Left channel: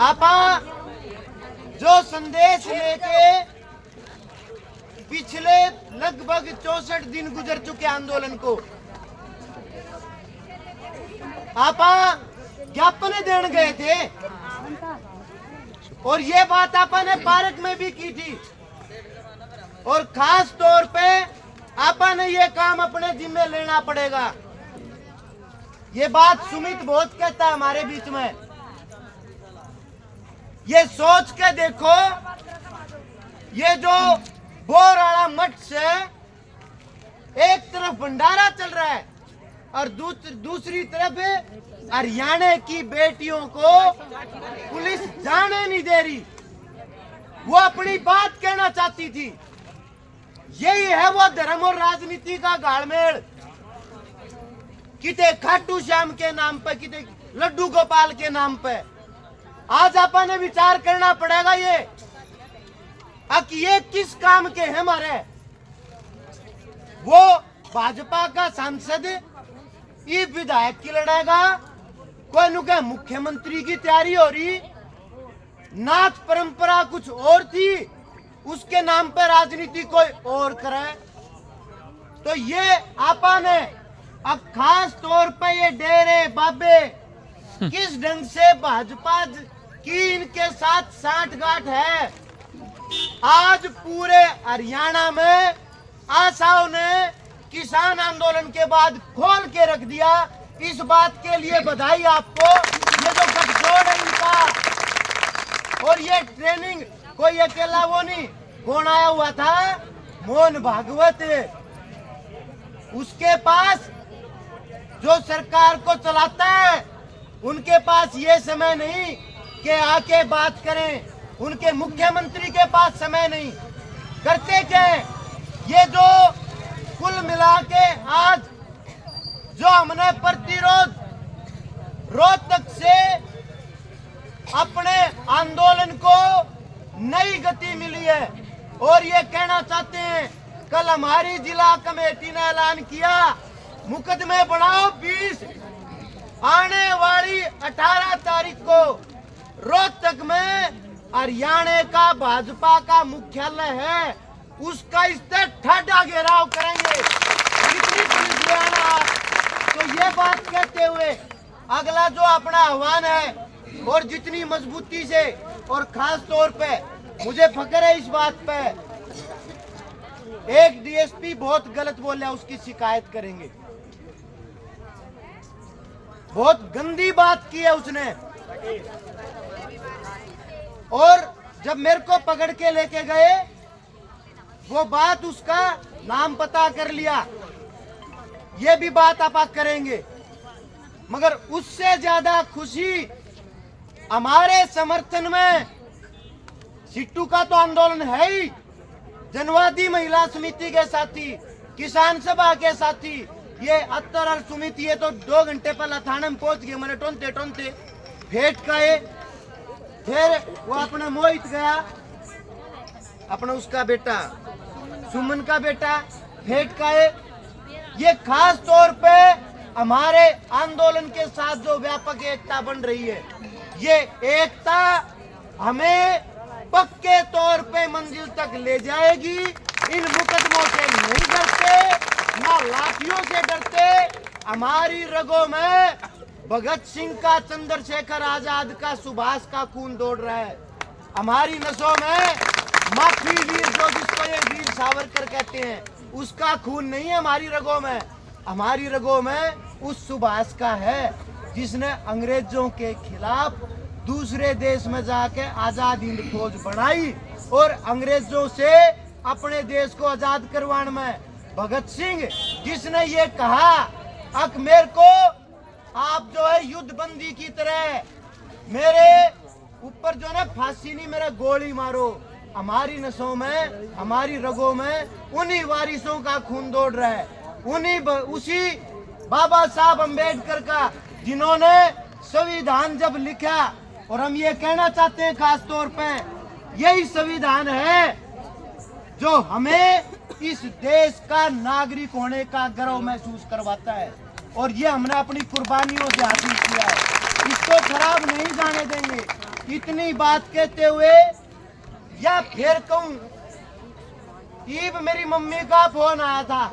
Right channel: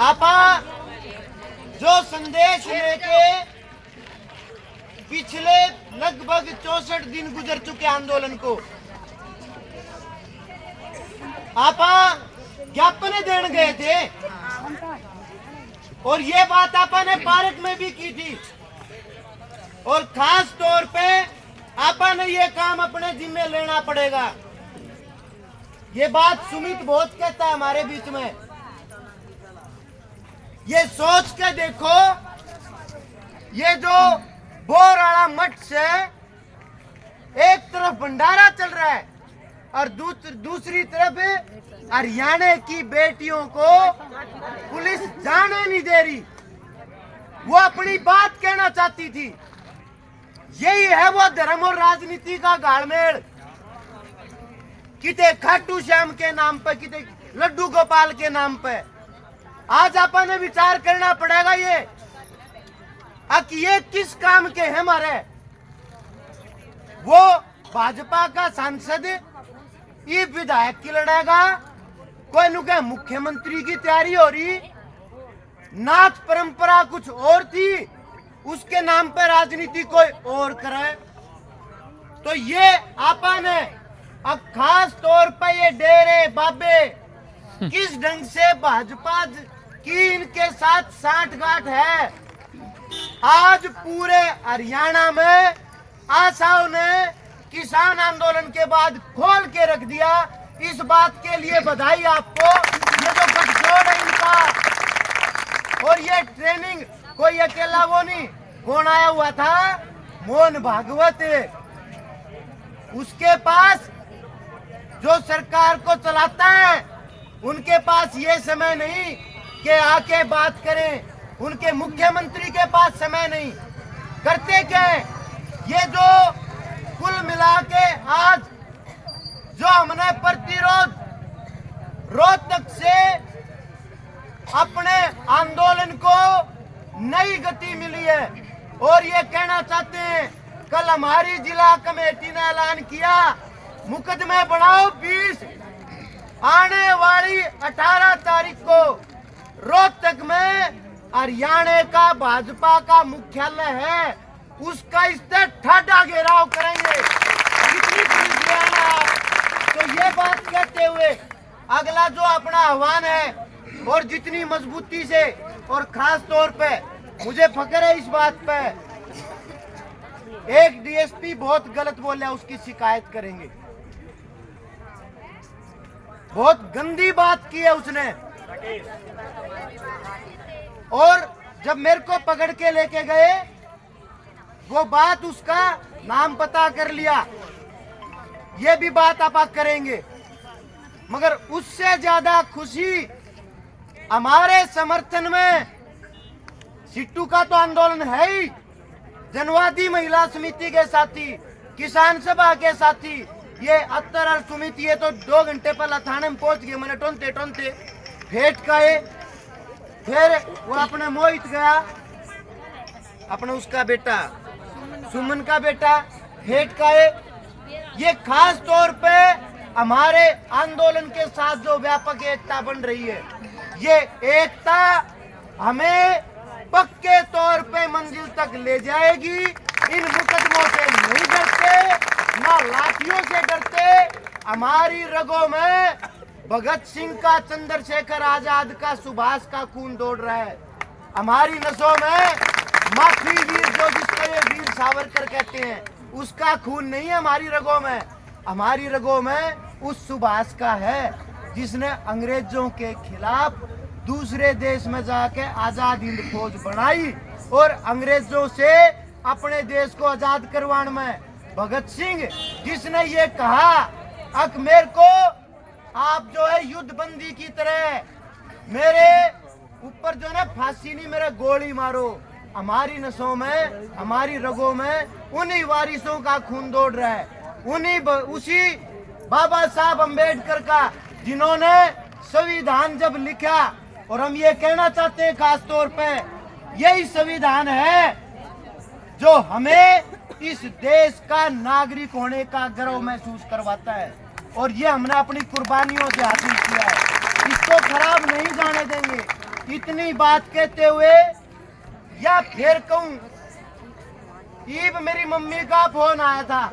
आपा जो संदेश लेके पिछले लगभग 64 दिन गुजर चुके आंदोलन को आपा ज्ञापन देने गए थे और ये बात आपा ने पार्क में भी की थी और खास तौर पे आपा ने ये काम अपने जिम्मे लेना पड़ेगा। ये बात सुमित बहुत कहता है हमारे बीच में। ये सोच के देखो, ये जो बोराड़ा मठ से एक तरफ भंडारा चल रहा है और दूसरी तरफ हरियाणा की बेटियों को पुलिस जाने नहीं दे रही। वो अपनी बात कहना चाहती थी। यही है वो धर्म और राजनीति का गाड़मेल। किते खाटू श्याम के नाम पे, किते लड्डू गोपाल के नाम पे। आज अपन ने विचार करना पड़ेगा कि ये किस काम के हैं हमारे। वो भाजपा का सांसद ये विधायक की लड़ेगा, कोई नु के मुख्यमंत्री की तैयारी हो रही। नाथ परंपरा कुछ और थी, उसके नाम पर राजनीति कोई और करे। तो ये आपा ने अब खास तौर पे ये डेरे बाबे किस ढंग से भाजपा की इनके साथ साठगांठ है। आज पूरे हरियाणा में आशाओं ने किसान आंदोलन के बाद खोल के रख दिया। इस बात के लिए बधाई आपको। ये जो गठजोड़ है इनका, और ये ट्रेनिंग कोई अकेला वो नहीं, कौन आया हुआ था, मोहन भागवत। उसके पास जो सरकार को चलाता है, उनके पास ये समय नहीं कि आके बात करें। उनके मुख्यमंत्री के पास समय नहीं। करते क्या है, ये जो कुल मिला के आज जो हमने प्रतिरोध रोहतक से अपने आंदोलन को नई गति मिली है। और ये कहना चाहते हैं, कल हमारी जिला कमेटी ने ऐलान किया, मुकदमे बनाओ 20। आने वाली 18 तारीख को रोहतक में हरियाणा का भाजपा का मुख्यालय है, उसका इस पर ठाडा घेराव करेंगे। कितनी पुलिस रहेगा। तो ये बात कहते हुए अगला जो अपना आह्वान है, और जितनी मजबूती से, और खास तौर पे मुझे फख्र है इस बात पे, एक डीएसपी बहुत गलत बोला, उसकी शिकायत करेंगे। बहुत गंदी बात की है उसने। और जब मेरे को पकड़ के लेके गए, वो बात उसका नाम पता कर लिया। ये भी बात आप करेंगे, मगर उससे ज्यादा खुशी हमारे समर्थन में सिट्टू का तो आंदोलन है ही, जनवादी महिला समिति के साथी, किसान सभा के साथी, ये अत्तर और सुमित, ये तो 2 घंटे पहले थाने में पहुंच गए। मैंने टोनते फेट का है। फिर वो अपने मोहित गया, अपना उसका बेटा सुमन का बेटा फेट का है। ये खास तौर पे हमारे आंदोलन के साथ जो व्यापक एकता बन रही है, ये एकता हमें पक्के तौर पे मंजिल तक ले जाएगी। इन मुकदमों से नहीं डरते, ना लाठियों से डरते। हमारी रगों में भगत सिंह का, चंद्रशेखर आजाद का, सुभाष का खून दौड़ रहा है। हमारी नसों में माफी वीर, जो जिसको ये वीर सावरकर कहते हैं, उसका खून नहीं है हमारी रगों में। हमारी रगों में उस सुभाष का है जिसने अंग्रेजों के खिलाफ दूसरे देश में जाके आजाद हिंद फौज बनाई और अंग्रेजों से अपने देश को आजाद करवाने में। भगत सिंह जिसने ये कहा, अब मेरे को आप जो है युद्ध बंदी की तरह मेरे ऊपर जो है फांसी नहीं, मेरा गोली मारो। हमारी नसों में, हमारी रगों में उन्हीं वारिसों का खून दौड़ रहा है, उसी बाबा साहब अम्बेडकर का, जिन्होंने संविधान जब लिखा। और हम ये कहना चाहते हैं खास तौर पे, यही संविधान है जो हमें इस देश का नागरिक होने का गर्व महसूस करवाता है, और ये हमने अपनी कुर्बानियों से हासिल किया है। इसको खराब नहीं जाने देंगे। इतनी बात कहते हुए या फिर कहूं, ईब मेरी मम्मी का फोन आया था।